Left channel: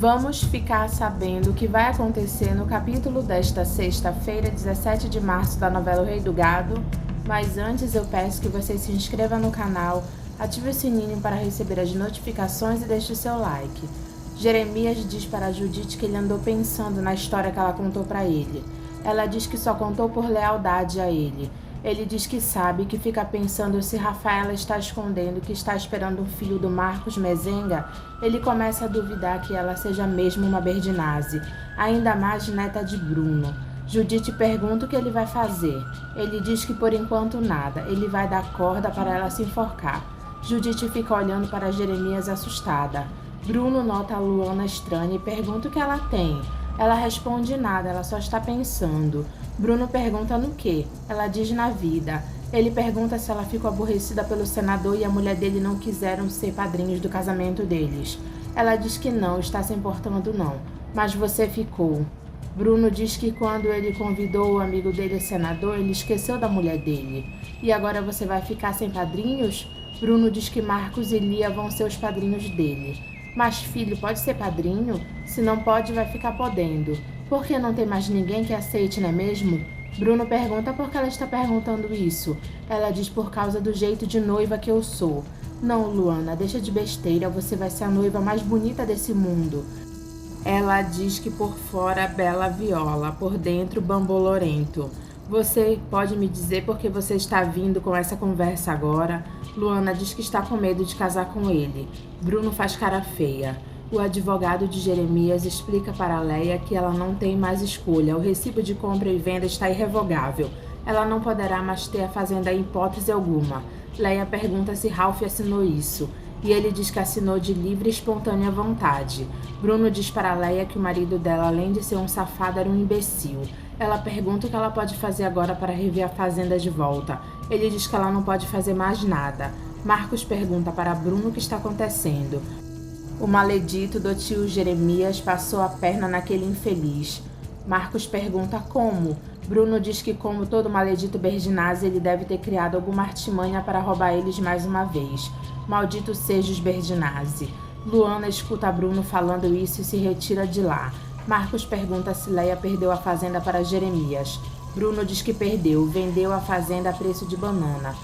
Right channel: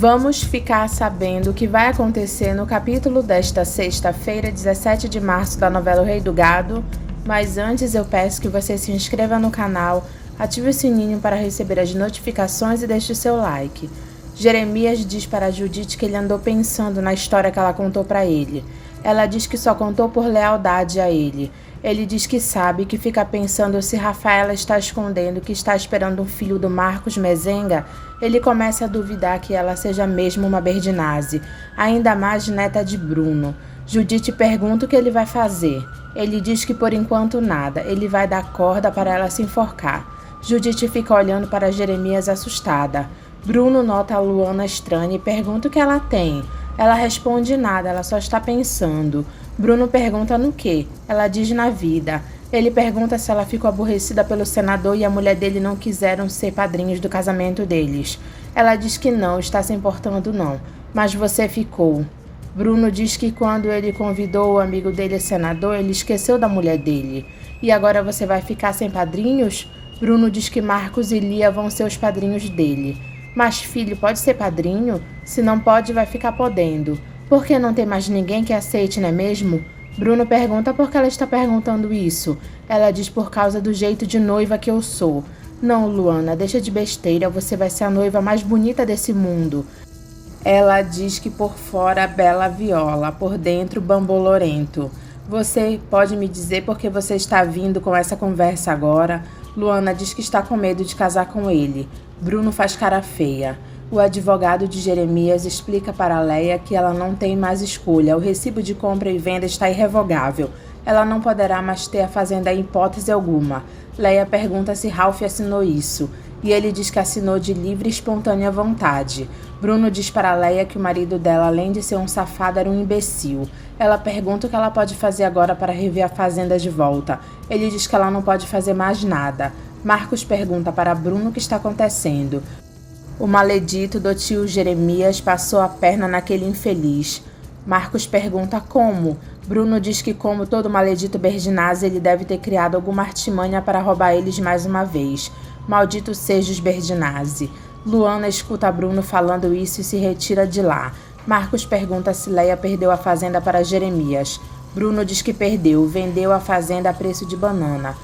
Vamos ficar sabendo o que vai acontecer no capítulo desta sexta-feira, 17 de março, da novela O Rei do Gado. Mas antes eu peço que você se inscreva no canal, ative o sininho para receber as notificações e deixe o seu like. Jeremias diz para Judite que ele andou pensando na história que ela contou para ele. Ela diz que só contou por lealdade a ele. Ele diz que sabe, que fica pensando se Rafaela está escondendo que está esperando um filho do Marcos Mezenga. Ele começa a duvidar que ela seja mesmo uma Berdinazzi, ainda mais neta de Bruno. Judite pergunta o que ele vai fazer. Ele diz que por enquanto nada, ele vai dar corda para ela se enforcar. Judite fica olhando para Jeremias assustada. Bruno nota a Luana estranha e pergunta o que ela tem. Ela responde nada, ela só está pensando. Bruno pergunta no quê? Ela diz na vida. Ele pergunta se ela ficou aborrecida pelo senador e a mulher dele não quiseram ser padrinhos do casamento deles. Ela diz que não, está se importando não. Mas você ficou. Bruno diz que quando ele convidou o amigo dele, senador, ele esqueceu da mulher dele. E agora você vai ficar sem padrinhos? Bruno diz que Marcos e Lia vão ser os padrinhos dele. Mas filho, pode ser padrinho? Se não pode, vai ficar podendo. Por que não tem mais ninguém que aceite, não é mesmo? Bruno pergunta por que ela está perguntando isso. Ela diz por causa do jeito de noiva que eu sou. Não, Luana, deixa de besteira, você vai ser a noiva mais bonita desse mundo. Ela diz que por fora bela viola, por dentro bambolorento. Você pode me dizer por que você está vindo com essa conversa agora? Luana diz que está com medo de casar com ele. Bruno faz cara feia. O advogado de Jeremias explica para Leia que ela não tem mais escolha. O recibo de compra e venda está irrevogável. Ela não poderá mais ter a fazenda em hipótese alguma. Leia pergunta se Ralph assinou isso. E ele diz que assinou de livre e espontânea vontade. Bruno diz para Leia que o marido dela, além de ser um safado, era um imbecil. Ela pergunta o que ela pode fazer agora para rever a fazenda de volta. Ele diz que ela não pode fazer mais nada. Marcos pergunta para Bruno o que está acontecendo. O maledito do tio Jeremias passou a perna naquele infeliz. Marcos pergunta como. Bruno diz que, como todo maledito Berdinazzi, ele deve ter criado alguma artimanha para roubar eles mais uma vez. Maldito seja os Berdinazzi. Luana escuta Bruno falando isso e se retira de lá. Marcos pergunta se Leia perdeu a fazenda para Jeremias. Bruno diz que perdeu, vendeu a fazenda a preço de banana.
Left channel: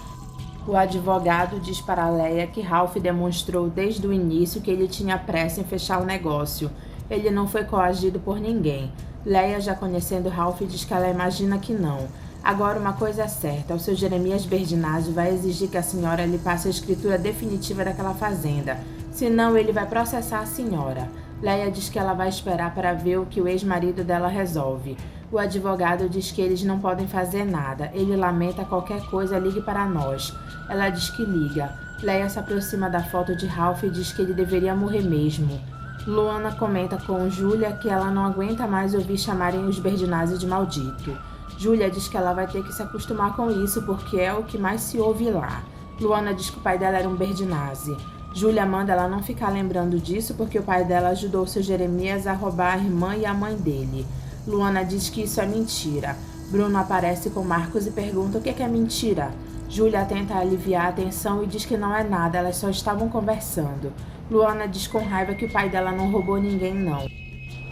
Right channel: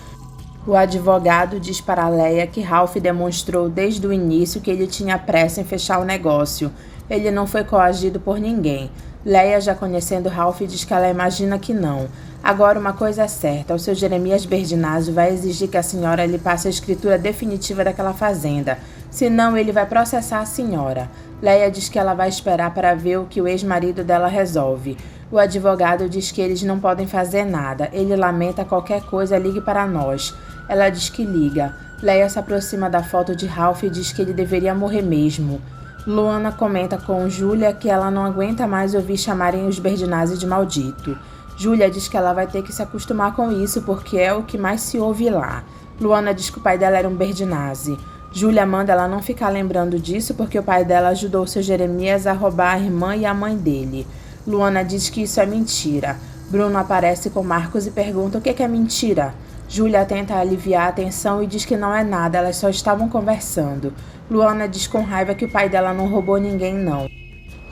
O advogado diz para Leia que Ralph demonstrou desde o início que ele tinha pressa em fechar o negócio. Ele não foi coagido por ninguém. Leia, já conhecendo Ralph, diz que ela imagina que não. Agora uma coisa é certa, o seu Jeremias Berdinazzi vai exigir que a senhora lhe passe a escritura definitiva daquela fazenda. Senão ele vai processar a senhora. Leia diz que ela vai esperar para ver o que o ex-marido dela resolve. O advogado diz que eles não podem fazer nada. Ele lamenta qualquer coisa, ligue para nós. Ela diz que liga. Leia se aproxima da foto de Ralph e diz que ele deveria morrer mesmo. Luana comenta com Júlia que ela não aguenta mais ouvir chamarem os Berdinazzi de maldito. Júlia diz que ela vai ter que se acostumar com isso porque é o que mais se ouve lá. Luana diz que o pai dela era um Berdinazzi. Júlia manda ela não ficar lembrando disso porque o pai dela ajudou o seu Jeremias a roubar a irmã e a mãe dele. Luana diz que isso é mentira. Bruno aparece com Marcos e pergunta o que é mentira. Júlia tenta aliviar a tensão e diz que não é nada, elas só estavam conversando. Luana diz com raiva que o pai dela não roubou ninguém, não.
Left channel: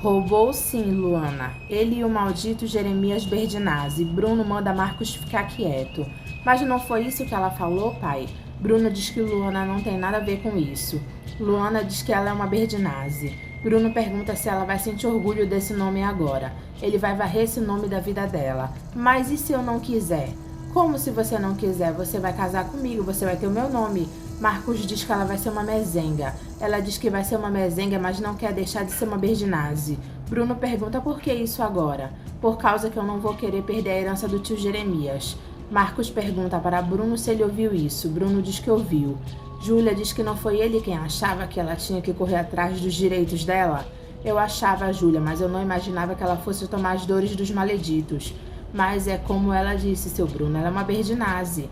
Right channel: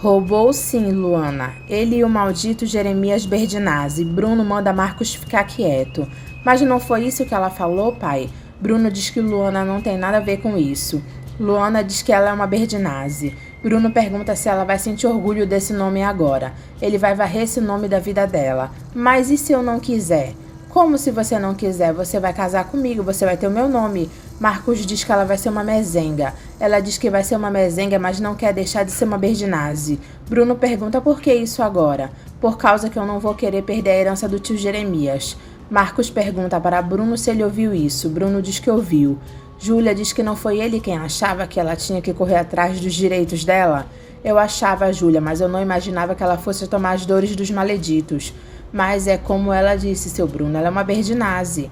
Roubou sim, Luana. Ele e o maldito Jeremias Berdinazzi. Bruno manda Marcos ficar quieto. Mas não foi isso que ela falou, pai? Bruno diz que Luana não tem nada a ver com isso. Luana diz que ela é uma Berdinazzi. Bruno pergunta se ela vai sentir orgulho desse nome agora. Ele vai varrer esse nome da vida dela. Mas e se eu não quiser? Como se você não quiser? Você vai casar comigo, você vai ter o meu nome. Marcos diz que ela vai ser uma mezenga. Ela diz que vai ser uma mezenga, mas não quer deixar de ser uma Berdinazzi. Bruno pergunta por que isso agora? Por causa que eu não vou querer perder a herança do tio Jeremias. Marcos pergunta para Bruno se ele ouviu isso. Bruno diz que ouviu. Júlia diz que não foi ele quem achava que ela tinha que correr atrás dos direitos dela. Eu achava, Júlia, mas eu não imaginava que ela fosse tomar as dores dos maleditos. Mas é como ela disse, seu Bruno, ela é uma Berdinazzi.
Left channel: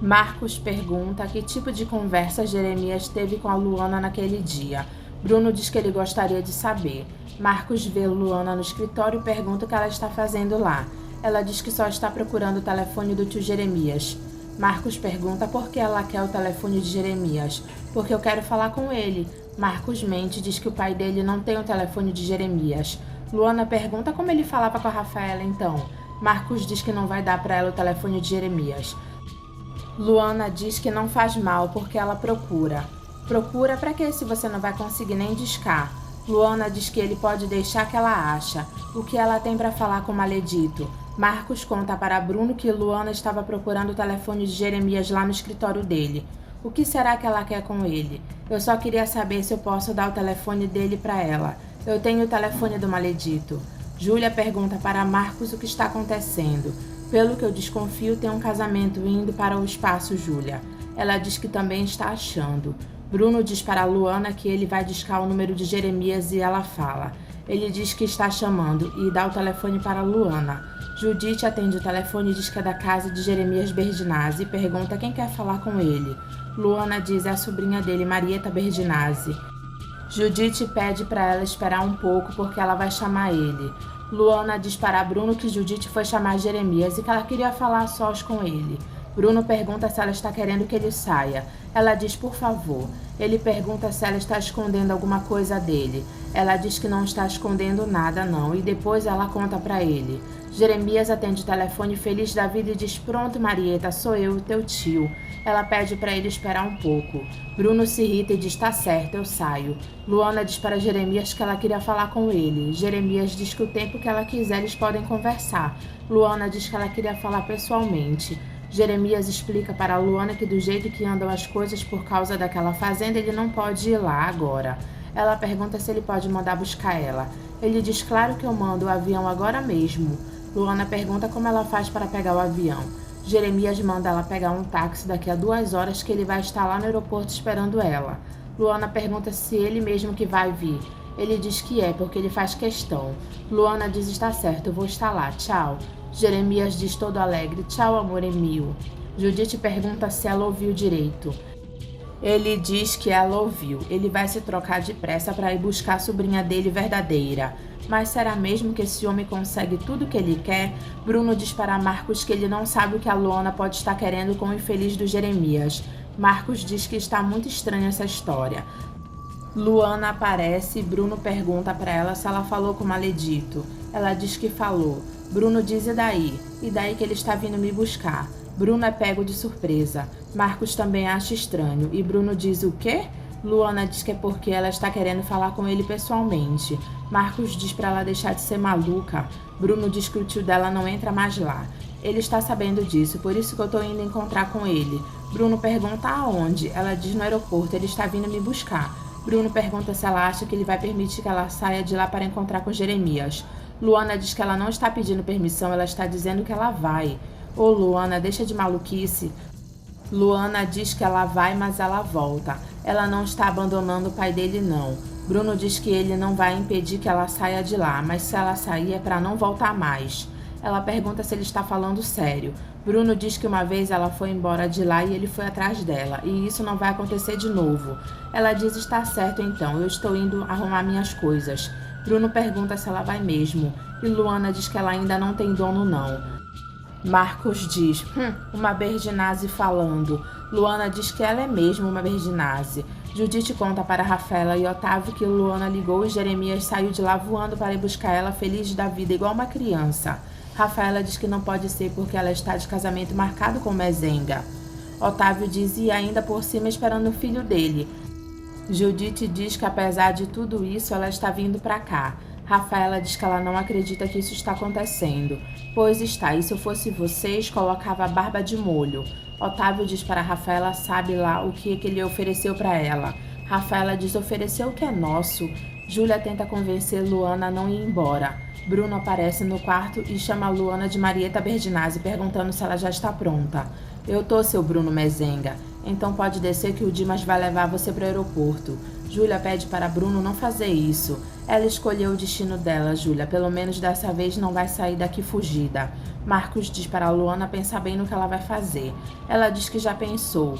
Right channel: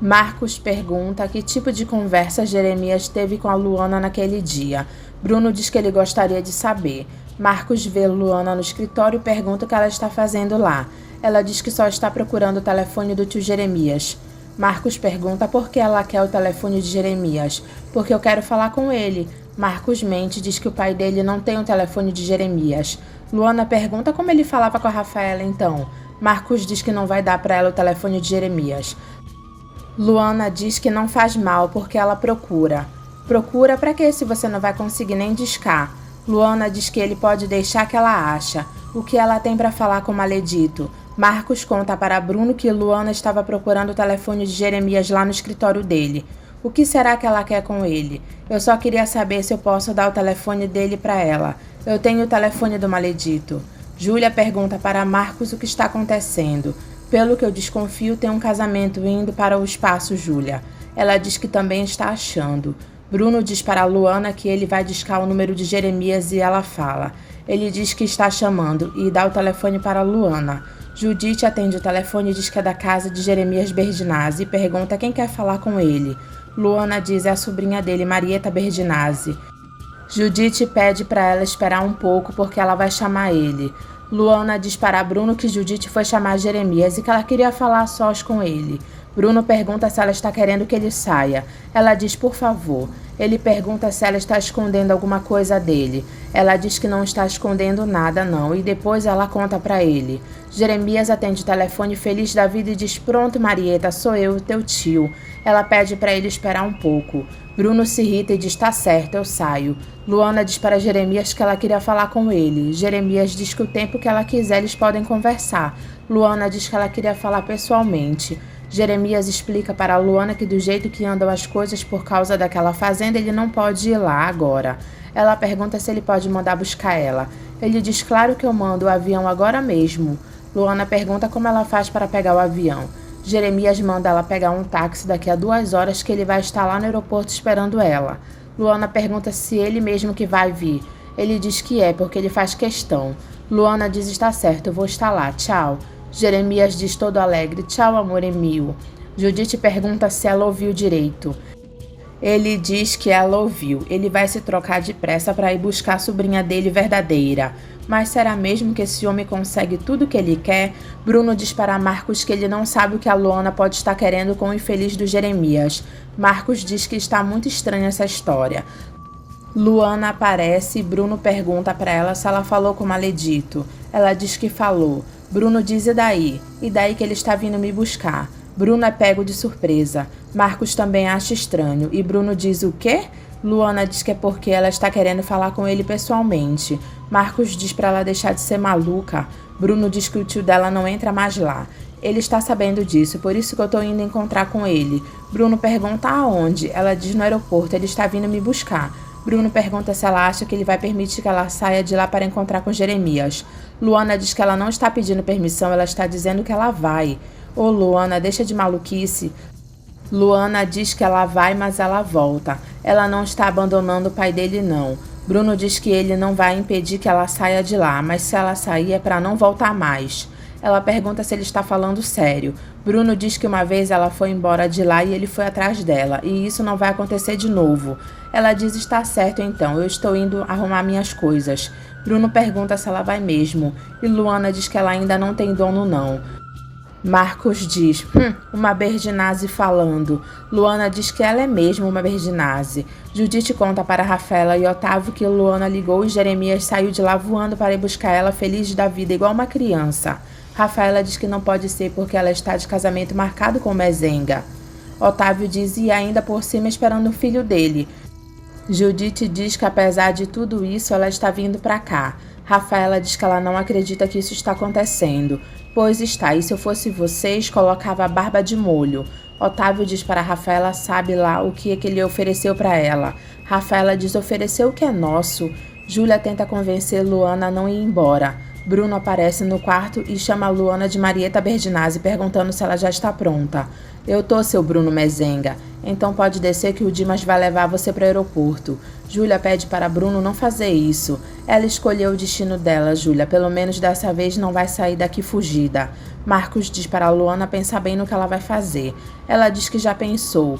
Marcos pergunta que tipo de conversa Jeremias teve com a Luana naquele dia. Bruno diz que ele gostaria de saber. Marcos vê Luana no escritório e pergunta o que ela está fazendo lá. Ela diz que só está procurando o telefone do tio Jeremias. Marcos pergunta por que ela quer o telefone de Jeremias. Porque eu quero falar com ele. Marcos mente e diz que o pai dele não tem o telefone de Jeremias. Luana pergunta como ele falava com a Rafaela então. Marcos diz que não vai dar para ela o telefone de Jeremias. Luana diz que não faz mal porque ela procura. Procura para quê se você não vai conseguir nem discar? Luana diz que ele pode deixar que ela acha. O que ela tem para falar com o maledito? Marcos conta para Bruno que Luana estava procurando o telefone de Jeremias lá no escritório dele. O que será que ela quer com ele? Eu só queria saber se eu posso dar o telefone dele para ela. Eu tenho o telefone do maledito. Júlia pergunta para Marcos o que está acontecendo. Pelo que eu desconfio, tem um casamento indo para o espaço, Júlia. Ela diz que também está achando. Bruno diz para Luana que ele vai discar o número de Jeremias e ela fala. Ele diz que está chamando e dá o telefone para Luana. Judite atende o telefone e diz que é da casa de Jeremias Berdinazzi e pergunta quem quer falar com ele. Luana diz é a sobrinha dele, Marieta Berdinazzi. Judite pede para ela esperar um pouco porque ela vai chamar ele. Luana diz para Bruno que Judite foi chamar Jeremias e que ela queria falar a sós com ele. Bruno pergunta se ela está querendo que ele saia. Ela diz por favor. Ele pergunta se ela está escondendo alguma coisa dele. Ela diz que não está escondendo nada não e depois ela conta para ele. Jeremias atende o telefone feliz da vida e diz pronto Marieta, sou eu, teu tio. Ela pede para ele esperar um pouco. Bruno se irrita e diz tá certo, eu saio. Luana diz para Jeremias que ela queria falar com ele. Jeremias diz que o tempo que ela quiser eles podem conversar. Luana diz que ela queria falar pessoalmente. Jeremias explica para Luana que do jeito que andam as coisas por causa daquela fazenda ele não pode ir lá agora. Ela pergunta se ele pode mandar buscar ela. Ele diz claro que eu mando o avião agora mesmo. Luana pergunta como ela faz para pegar o avião. Jeremias manda ela pegar um táxi daqui a 2 horas que ele vai estar lá no aeroporto esperando ela. Luana pergunta se ele mesmo que vai vir. Ele diz que é, porque ele faz questão. Luana diz está certo, eu vou estar lá, tchau. Jeremias diz todo alegre, tchau amor Emil. Judite pergunta se ela ouviu direito. Ele diz que ela ouviu. Ele vai se trocar depressa para ir buscar a sobrinha dele verdadeira. Mas será mesmo que esse homem consegue tudo o que ele quer? Bruno diz para Marcos que ele não sabe o que a Luana pode estar querendo com o infeliz do Jeremias. Marcos diz que está muito estranha essa história. Luana aparece e Bruno pergunta para ela se ela falou com o maledito. Ela diz que falou. Bruno diz e daí? E daí que ele está vindo me buscar. Bruno é pego de surpresa. Marcos também acha estranho. E Bruno diz o quê? Luana diz que é porque ela está querendo falar com ele pessoalmente. Marcos diz para ela deixar de ser maluca. Bruno diz que o tio dela não entra mais lá. Ele está sabendo disso, por isso que eu estou indo encontrar com ele. Bruno pergunta aonde. Ela diz no aeroporto, ele está vindo me buscar. Bruno pergunta se ela acha que ele vai permitir que ela saia de lá para encontrar com Jeremias. Luana diz que ela não está pedindo permissão, ela está dizendo que ela vai. Ô Luana, deixa de maluquice. Luana diz que ela vai, mas ela volta. Ela não está abandonando o pai dele, não. Bruno diz que ele não vai impedir que ela saia de lá, mas se ela sair é para não voltar mais. Ela pergunta se ele está falando sério. Bruno diz que uma vez ela foi embora de lá e ele foi atrás dela, e isso não vai acontecer de novo. Ela diz está certo então, eu estou indo arrumar minhas coisas. Bruno pergunta se ela vai mesmo, e Luana diz que ela ainda não tem dono não. Marcos diz, uma Berdinazzi falando. Luana diz que ela é mesmo uma Berdinazzi. Judite conta para Rafaela e Otávio que Luana ligou e Jeremias saiu de lá voando para ir buscar ela feliz da vida, igual uma criança. Rafaela diz que não pode ser porque ela está de casamento marcado com Mezenga. Otávio diz e ainda por cima esperando o filho dele. Judite diz que apesar de tudo isso, ela está vindo para cá. Rafaela diz que ela não acredita que isso está acontecendo. Pois está, e se eu fosse vocês, colocava a barba de molho. Otávio diz para Rafaela sabe lá o que ele ofereceu para ela. Rafaela diz ofereceu o que é nosso. Júlia tenta convencer Luana a não ir embora. Bruno aparece no quarto e chama Luana de Marieta Berdinazzi, perguntando se ela já está pronta. Eu tô, seu Bruno Mezenga. Então pode descer que o Dimas vai levar você para o aeroporto. Júlia pede para Bruno não fazer isso. Ela escolheu o destino dela, Júlia. Pelo menos dessa vez não vai sair daqui fugida. Marcos diz para Luana pensar bem no que ela vai fazer. Ela diz que já pensou.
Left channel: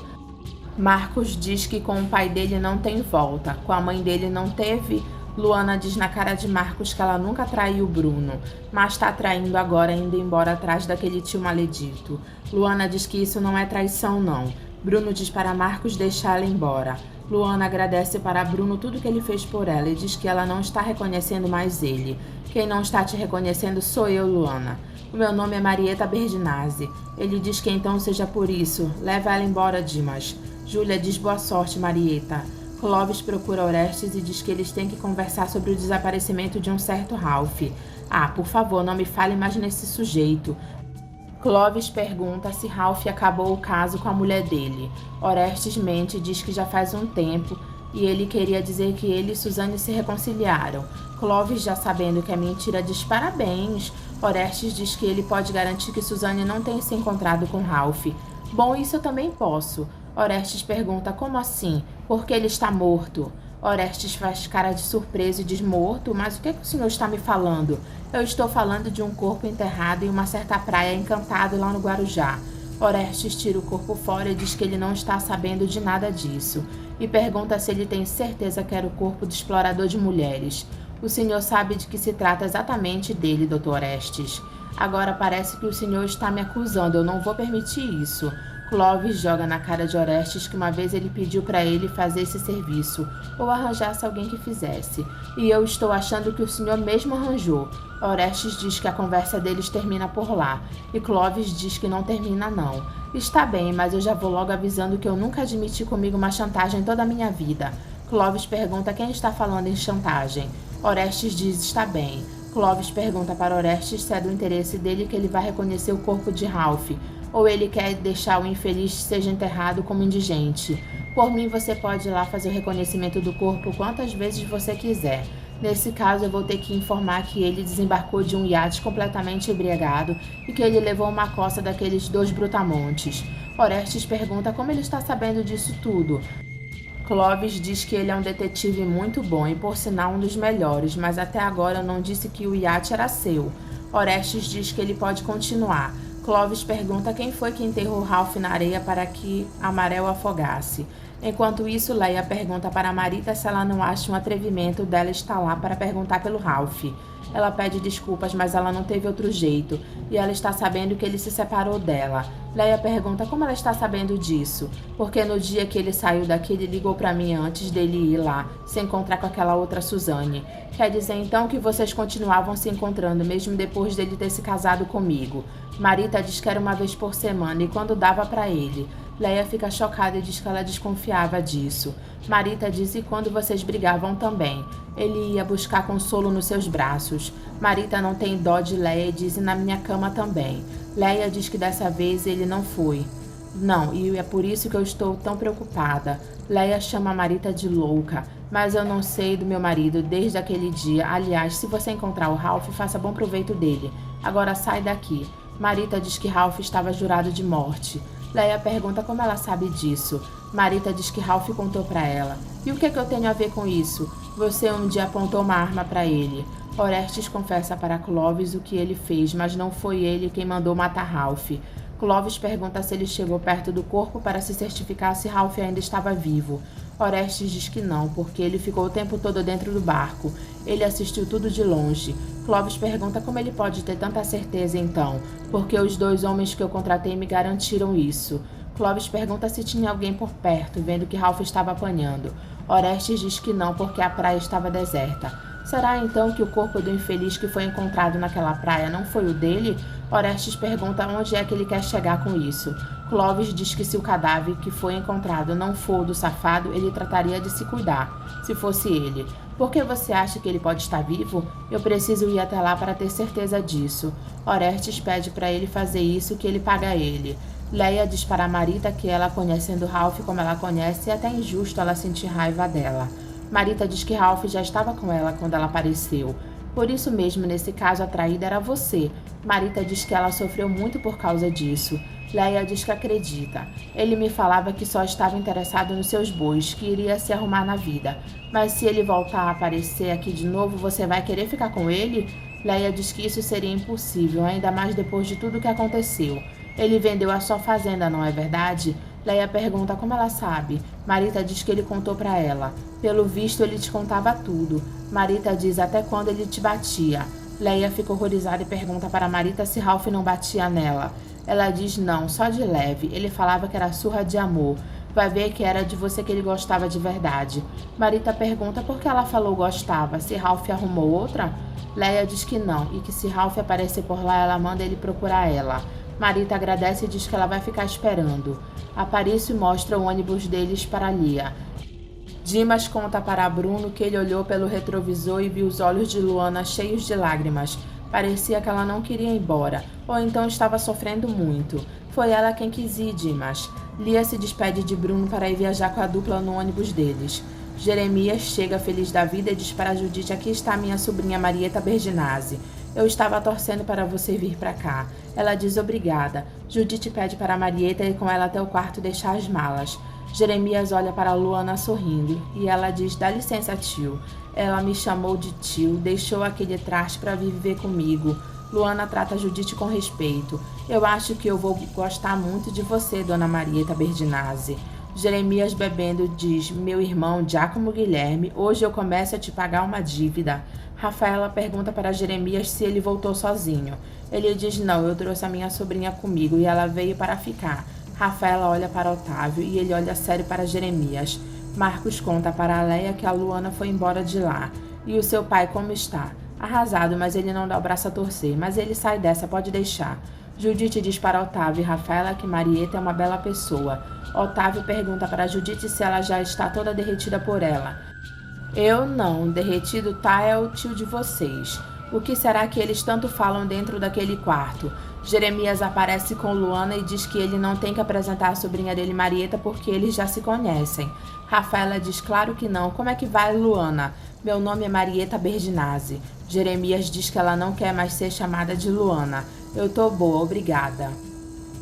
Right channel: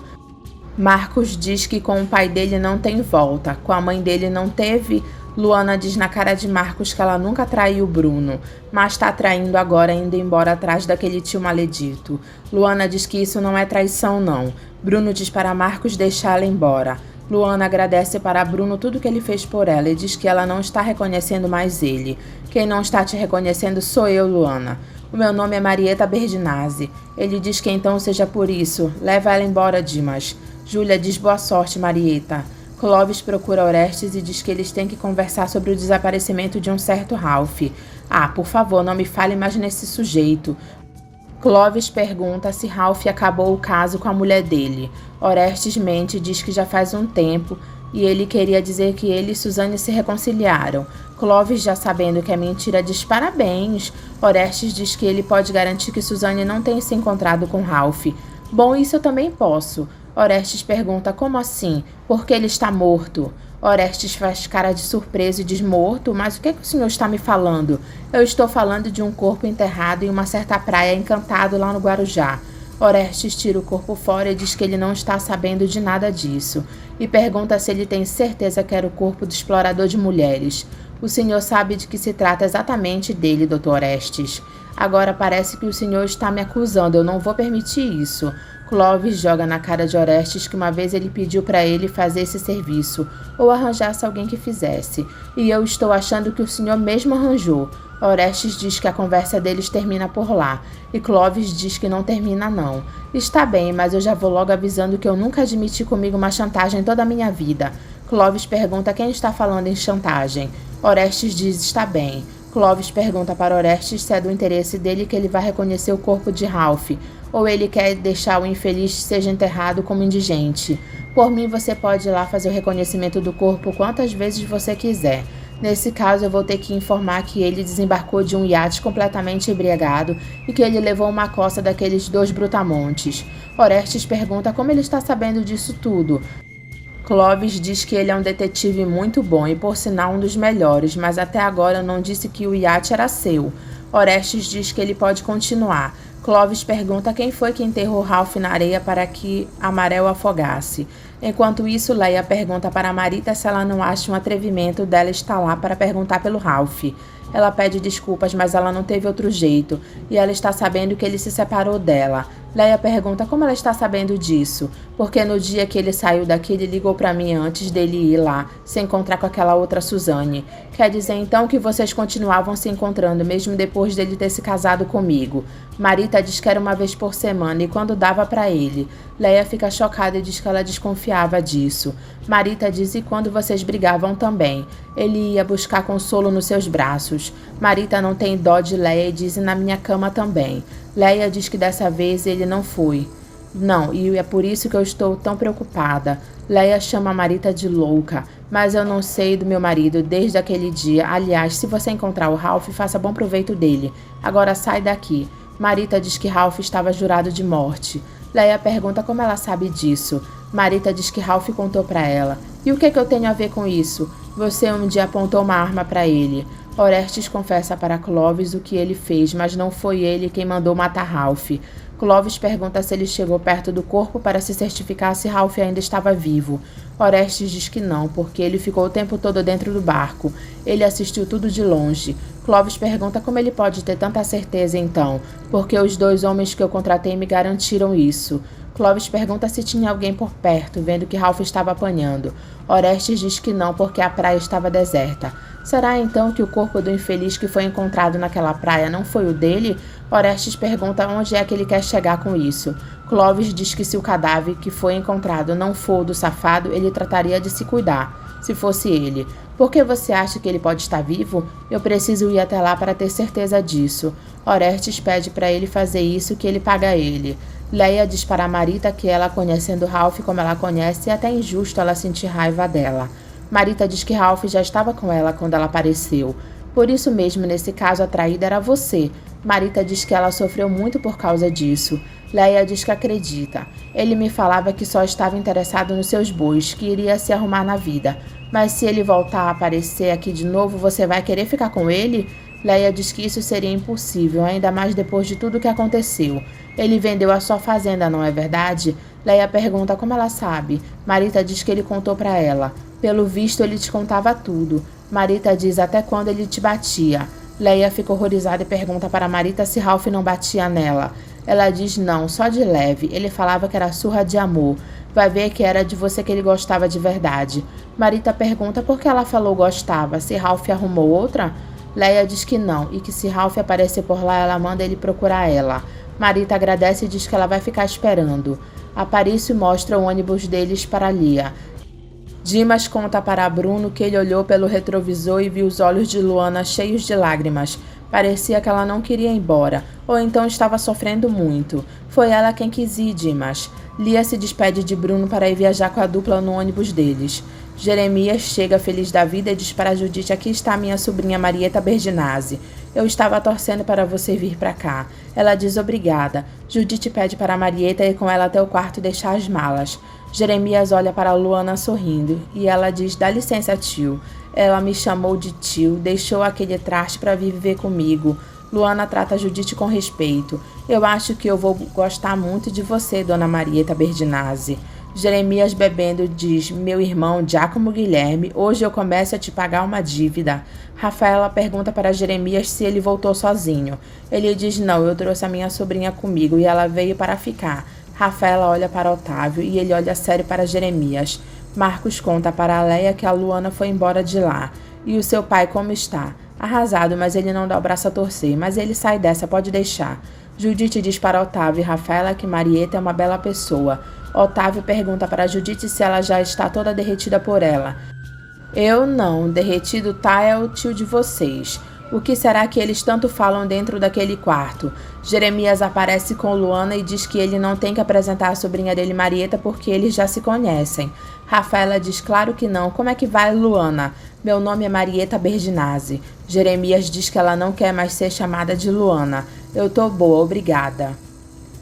Marcos diz que com o pai dele não tem volta. Com a mãe dele não teve. Luana diz na cara de Marcos que ela nunca traiu Bruno, mas tá traindo agora indo embora atrás daquele tio maledito. Luana diz que isso não é traição não. Bruno diz para Marcos deixar ela embora. Luana agradece para Bruno tudo que ele fez por ela e diz que ela não está reconhecendo mais ele. Quem não está te reconhecendo sou eu, Luana. O meu nome é Marieta Berdinazzi. Ele diz que então seja por isso. Leva ela embora, Dimas. Júlia diz boa sorte, Marieta. Clovis procura Orestes e diz que eles têm que conversar sobre o desaparecimento de um certo Ralph. Ah, por favor, não me fale mais nesse sujeito. Clovis pergunta se Ralph acabou o caso com a mulher dele. Orestes mente e diz que já faz um tempo e ele queria dizer que ele e Suzane se reconciliaram. Clovis, já sabendo que é mentira, diz parabéns. Orestes diz que ele pode garantir que Suzane não tenha se encontrado com Ralph. Bom, isso eu também posso. Orestes pergunta como assim? Porque ele está morto. Orestes faz cara de surpresa e diz morto, mas o que o senhor está me falando? Eu estou falando de um corpo enterrado em uma certa praia encantado lá no Guarujá. Orestes tira o corpo fora e diz que ele não está sabendo de nada disso. E pergunta se ele tem certeza que era o corpo do explorador de mulheres. O senhor sabe de que se trata exatamente dele, Dr. Orestes. Agora parece que o senhor está me acusando, eu não vou permitir isso. Clovis joga na cara de Orestes que uma vez ele pediu para ele fazer esse serviço, ou arranjasse alguém que fizesse, e eu estou achando que o senhor mesmo arranjou. Orestes diz que a conversa deles termina por lá, e Clovis diz que não termina não. Está bem, mas eu já vou logo avisando que eu nunca admiti comigo uma chantagem toda a minha vida. Clovis pergunta quem está falando em chantagem. Orestes diz está bem. Clovis pergunta para Orestes se é do interesse dele que ele vá reconhecer o corpo de Ralph, ou ele quer deixar o infeliz seja enterrado como indigente. Por mim, você pode ir lá fazer o reconhecimento do corpo quantas vezes você quiser. Nesse caso, eu vou ter que informar que ele desembarcou de um iate completamente embriagado e que ele levou uma coça daqueles 2 brutamontes. Orestes pergunta como ele está sabendo disso tudo. Clovis diz que ele é um detetive muito bom e, por sinal, um dos melhores, mas até agora não disse que o iate era seu. Orestes diz que ele pode continuar. Clovis pergunta quem foi que enterrou Ralph na areia para que Amarel afogasse. Enquanto isso, Leia pergunta para Marita se ela não acha um atrevimento dela estar lá para perguntar pelo Ralph. Ela pede desculpas, mas ela não teve outro jeito, e ela está sabendo que ele se separou dela. Leia pergunta como ela está sabendo disso, porque no dia que ele saiu daqui, ele ligou para mim antes dele ir lá, se encontrar com aquela outra Suzane. Quer dizer então que vocês continuavam se encontrando, mesmo depois dele ter se casado comigo. Marita diz que era uma vez por semana, e quando dava para ele. Leia fica chocada e diz que ela desconfiava disso. Marita diz e quando vocês brigavam também. Ele ia buscar consolo nos seus braços. Marita não tem dó de Leia e diz na minha cama também. Leia diz que dessa vez ele não foi. Não, e é por isso que eu estou tão preocupada. Leia chama a Marita de louca, mas eu não sei do meu marido desde aquele dia. Aliás, se você encontrar o Ralph, faça bom proveito dele. Agora sai daqui. Marita diz que Ralph estava jurado de morte. Leia pergunta como ela sabe disso. Marita diz que Ralph contou para ela. E o que eu tenho a ver com isso? Você um dia apontou uma arma para ele. Orestes confessa para Clovis o que ele fez, mas não foi ele quem mandou matar Ralph. Clovis pergunta se ele chegou perto do corpo para se certificar se Ralph ainda estava vivo. Orestes diz que não, porque ele ficou o tempo todo dentro do barco. Ele assistiu tudo de longe. Clovis pergunta como ele pode ter tanta certeza então, porque os 2 homens que eu contratei me garantiram isso. Clovis pergunta se tinha alguém por perto, vendo que Ralph estava apanhando. Orestes diz que não, porque a praia estava deserta. Será então que o corpo do infeliz que foi encontrado naquela praia não foi o dele? Orestes pergunta onde é que ele quer chegar com isso. Clovis diz que se o cadáver que foi encontrado não for o do safado, ele trataria de se cuidar, se fosse ele. Por que você acha que ele pode estar vivo? Eu preciso ir até lá para ter certeza disso. Orestes pede para ele fazer isso, que ele paga ele. Leia diz para Marita que ela, conhecendo Ralph como ela conhece, é até injusto ela sentir raiva dela. Marita diz que Ralph já estava com ela quando ela apareceu. Por isso mesmo, nesse caso, a traída era você. Marita diz que ela sofreu muito por causa disso. Leia diz que acredita. Ele me falava que só estava interessado nos seus bois, que iria se arrumar na vida. Mas se ele voltar a aparecer aqui de novo, você vai querer ficar com ele? Leia diz que isso seria impossível, ainda mais depois de tudo o que aconteceu. Ele vendeu a sua fazenda, não é verdade? Leia pergunta como ela sabe. Marita diz que ele contou para ela. Pelo visto, ele te contava tudo. Marita diz até quando ele te batia. Leia fica horrorizada e pergunta para Marita se Ralph não batia nela. Ela diz não, só de leve. Ele falava que era surra de amor. Vai ver que era de você que ele gostava de verdade. Marita pergunta por que ela falou gostava, se Ralph arrumou outra? Leia diz que não, e que se Ralph aparecer por lá, ela manda ele procurar ela. Marita agradece e diz que ela vai ficar esperando. Aparício mostra o ônibus deles para Lia. Dimas conta para Bruno que ele olhou pelo retrovisor e viu os olhos de Luana cheios de lágrimas. Parecia que ela não queria ir embora, ou então estava sofrendo muito. Foi ela quem quis ir, Dimas. Lia se despede de Bruno para ir viajar com a dupla no ônibus deles. Jeremias chega feliz da vida e diz para Judite: aqui está minha sobrinha Marieta Berdinazzi. Eu estava torcendo para você vir para cá. Ela diz obrigada. Judite pede para Marieta ir com ela até o quarto deixar as malas. Jeremias olha para Luana sorrindo e ela diz: dá licença, tio. Ela me chamou de tio, deixou aquele traste para vir viver comigo. Luana trata Judite com respeito. Eu acho que eu vou gostar muito de você, dona Marieta Berdinazzi. Jeremias bebendo diz: meu irmão Giacomo Guilherme, hoje eu começo a te pagar uma dívida. Rafaela pergunta para Jeremias se ele voltou sozinho. Ele diz: não, eu trouxe a minha sobrinha comigo e ela veio para ficar. Rafaela olha para Otávio e ele olha sério para Jeremias. Marcos conta para Leia que a Luana foi embora de lá. E o seu pai como está? Arrasado, mas ele não dá o braço a torcer. Mas ele sai dessa, pode deixar. Judite diz para Otávio e Rafaela que Marieta é uma bela pessoa. Otávio pergunta para Judite se ela já está toda derretida por ela. Eu não, derretido tá é o tio de vocês. O que será que eles tanto falam dentro daquele quarto? Jeremias aparece com Luana e diz que ele não tem que apresentar a sobrinha dele, Marieta, porque eles já se conhecem. Rafaela diz: claro que não. Como é que vai, Luana? Meu nome é Marieta Berdinazzi. Jeremias diz que ela não quer mais ser chamada de Luana. Eu tô boa, obrigada.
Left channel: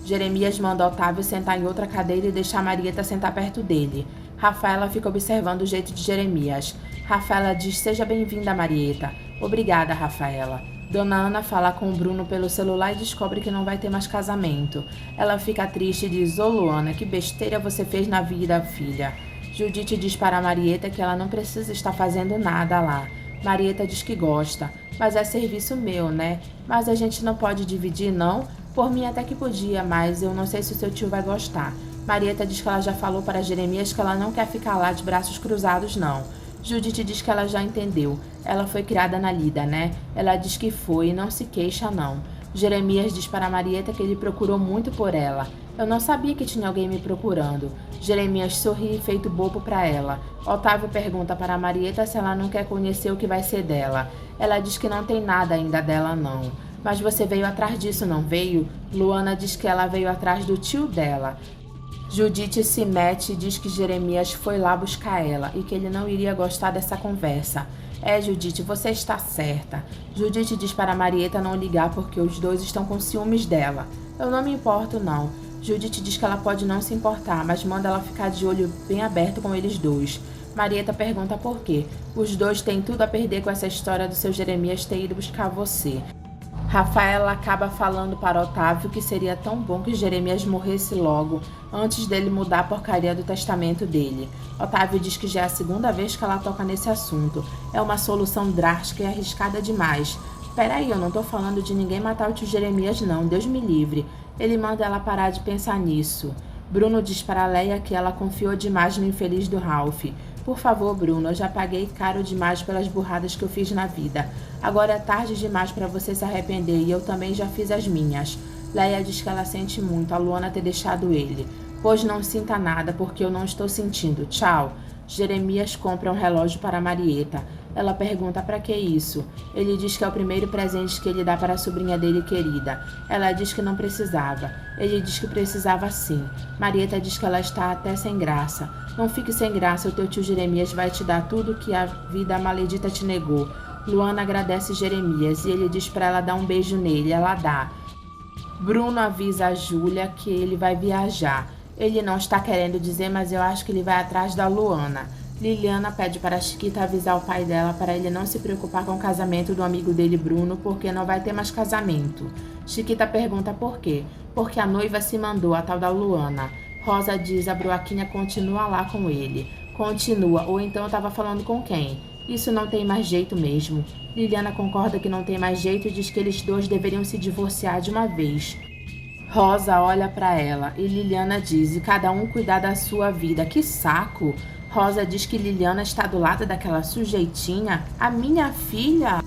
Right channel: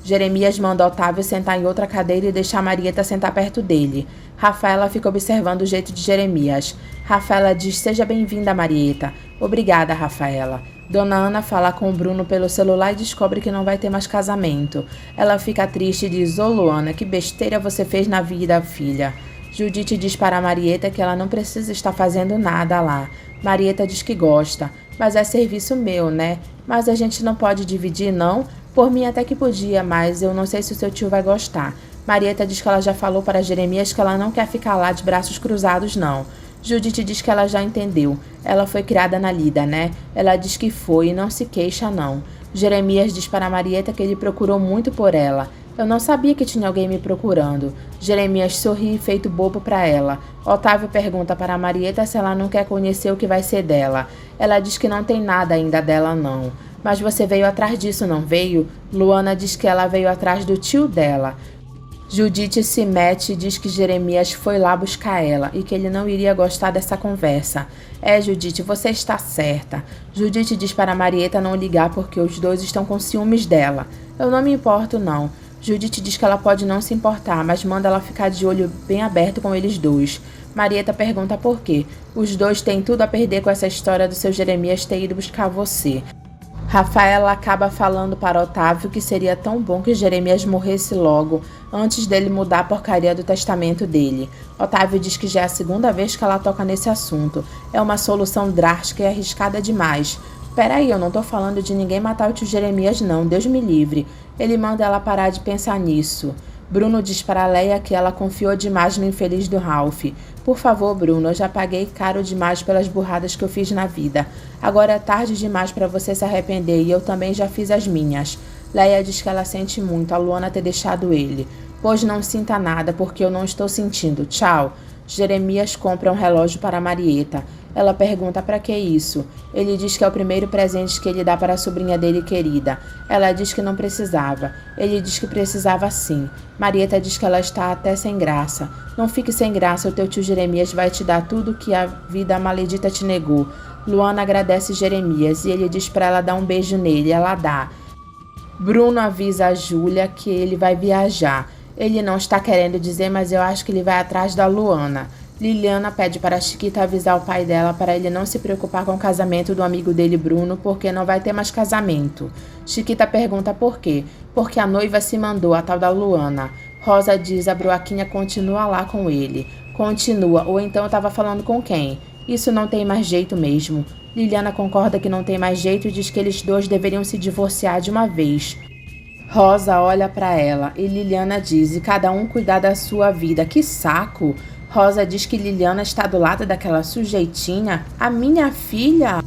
Jeremias manda Otávio sentar em outra cadeira e deixar Marieta sentar perto dele. Rafaela fica observando o jeito de Jeremias. Rafaela diz: seja bem-vinda, Marieta. Obrigada, Rafaela. Dona Ana fala com o Bruno pelo celular e descobre que não vai ter mais casamento. Ela fica triste e diz: ô Luana, que besteira você fez na vida, filha. Judite diz para Marieta que ela não precisa estar fazendo nada lá. Marieta diz que gosta. Mas é serviço meu, né? Mas a gente não pode dividir, não? Por mim até que podia, mas eu não sei se o seu tio vai gostar. Marieta diz que ela já falou para Jeremias que ela não quer ficar lá de braços cruzados, não. Judite diz que ela já entendeu. Ela foi criada na lida, né? Ela diz que foi e não se queixa, não. Jeremias diz para Marieta que ele procurou muito por ela. Eu não sabia que tinha alguém me procurando. Jeremias sorri feito bobo para ela. Otávio pergunta para Marieta se ela não quer conhecer o que vai ser dela. Ela diz que não tem nada ainda dela, não. Mas você veio atrás disso, não veio? Luana diz que ela veio atrás do tio dela. Judite se mete e diz que Jeremias foi lá buscar ela e que ele não iria gostar dessa conversa. É, Judite, você está certa. Judite diz para Marieta não ligar porque os dois estão com ciúmes dela. Eu não me importo, não. Judite diz que ela pode não se importar, mas manda ela ficar de olho bem aberto com eles dois. Marieta pergunta por quê. Os dois têm tudo a perder com essa história do seu Jeremias ter ido buscar você. Rafaela acaba falando para Otávio que seria tão bom que Jeremias morresse logo, antes dele mudar a porcaria do testamento dele. Otávio diz que já é a segunda vez que ela toca nesse assunto. É uma solução drástica e arriscada demais. Peraí, eu não tô falando de ninguém matar o tio Jeremias não, Deus me livre. Ele manda ela parar de pensar nisso. Bruno diz para Leia que ela confiou demais no infeliz do Ralph. Por favor, Bruno, eu já paguei caro demais pelas burradas que eu fiz na vida. Agora é tarde demais para você se arrepender e eu também já fiz as minhas. Leia diz que ela sente muito a Luana ter deixado ele. Pois não sinta nada, porque eu não estou sentindo. Tchau. Jeremias compra um relógio para Marieta. Ela pergunta para que isso. Ele diz que é o primeiro presente que ele dá para a sobrinha dele querida. Ela diz que não precisava. Ele diz que precisava sim. Marieta diz que ela está até sem graça. Não fique sem graça, o teu tio Jeremias vai te dar tudo que a vida maledita te negou. Luana agradece Jeremias e ele diz para ela dar um beijo nele. Ela dá. Bruno avisa a Júlia que ele vai viajar. Ele não está querendo dizer, mas eu acho que ele vai atrás da Luana. Liliana pede para a Chiquita avisar o pai dela para ele não se preocupar com o casamento do amigo dele, Bruno, porque não vai ter mais casamento. Chiquita pergunta por quê. Porque a noiva se mandou, a tal da Luana. Rosa diz a Bruaquinha continua lá com ele. Continua, ou então eu estava falando com quem? Isso não tem mais jeito mesmo. Liliana concorda que não tem mais jeito e diz que eles dois deveriam se divorciar de uma vez. Rosa olha para ela e Liliana diz: e cada um cuidar da sua vida. Que saco! Rosa diz que Liliana está do lado daquela sujeitinha. A minha filha...